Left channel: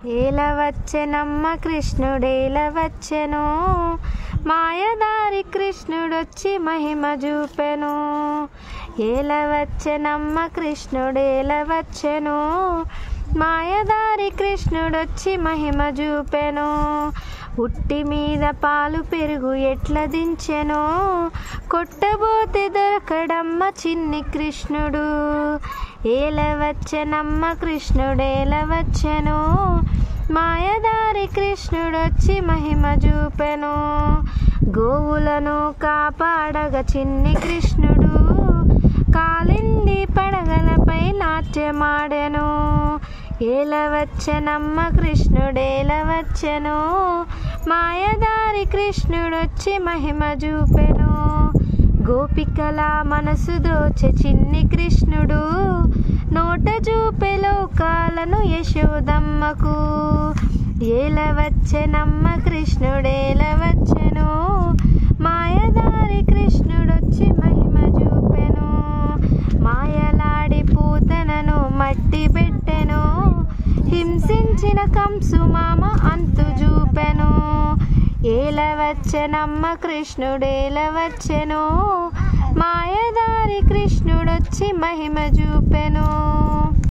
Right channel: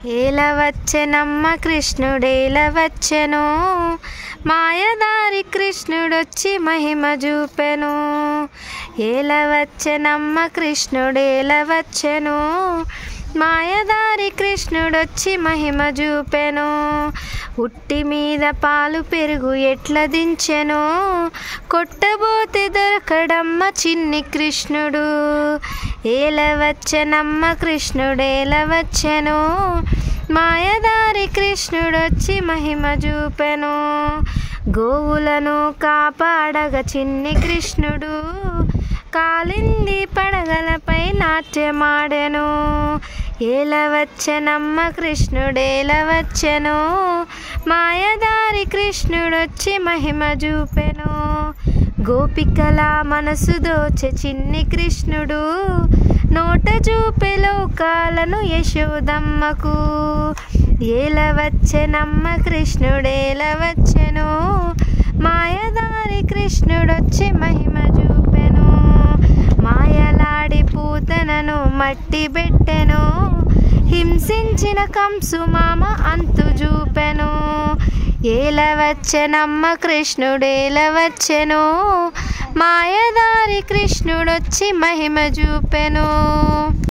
ఏలవచ్చెనమ్మ కృష్ణుడేలవచ్చెను, మాయదారి కృష్ణుడొచ్చి మహిమ చూపెను. ఏలవచ్చెనమ్మ కృష్ణుడేలవచ్చెను, మాయదారి కృష్ణుడొచ్చి మహిమ చూపెను. ఉట్టి మీద పాలు పెరుగు ఎట్ల దించెను, కొట్టబోతే దొరకడమ్మ చిన్ని కృష్ణుడు. ఏలవచ్చెనమ్మ కృష్ణుడేలవచ్చెను, మాయదారి కృష్ణుడొచ్చి మహిమ చూపెను. గోవులను కాపాడగ చిన్ని కృష్ణుడు, కాలింది పడగలపై నాట్యమాడెను. ఏలవచ్చెనమ్మ కృష్ణుడేలవచ్చెను, మాయదారి కృష్ణుడొచ్చి మహిమ చూపెను. గోపికల మనసు దోచె చిన్ని కృష్ణుడు, నోట చూపె లోకాలను యశోదమ్మకు. ఏలవచ్చెనమ్మ కృష్ణుడేలవచ్చెను, మాయదారి కృష్ణుడొచ్చి మహిమ చూపెను. మాయలాడి పూతనను మట్టి పెట్టెను, హింసించిన కంసు మామ అంతు చూపెను. ఏలవచ్చెనమ్మ కృష్ణుడేలవచ్చెను, మాయదారి కృష్ణుడొచ్చి మహిమ చూపెను.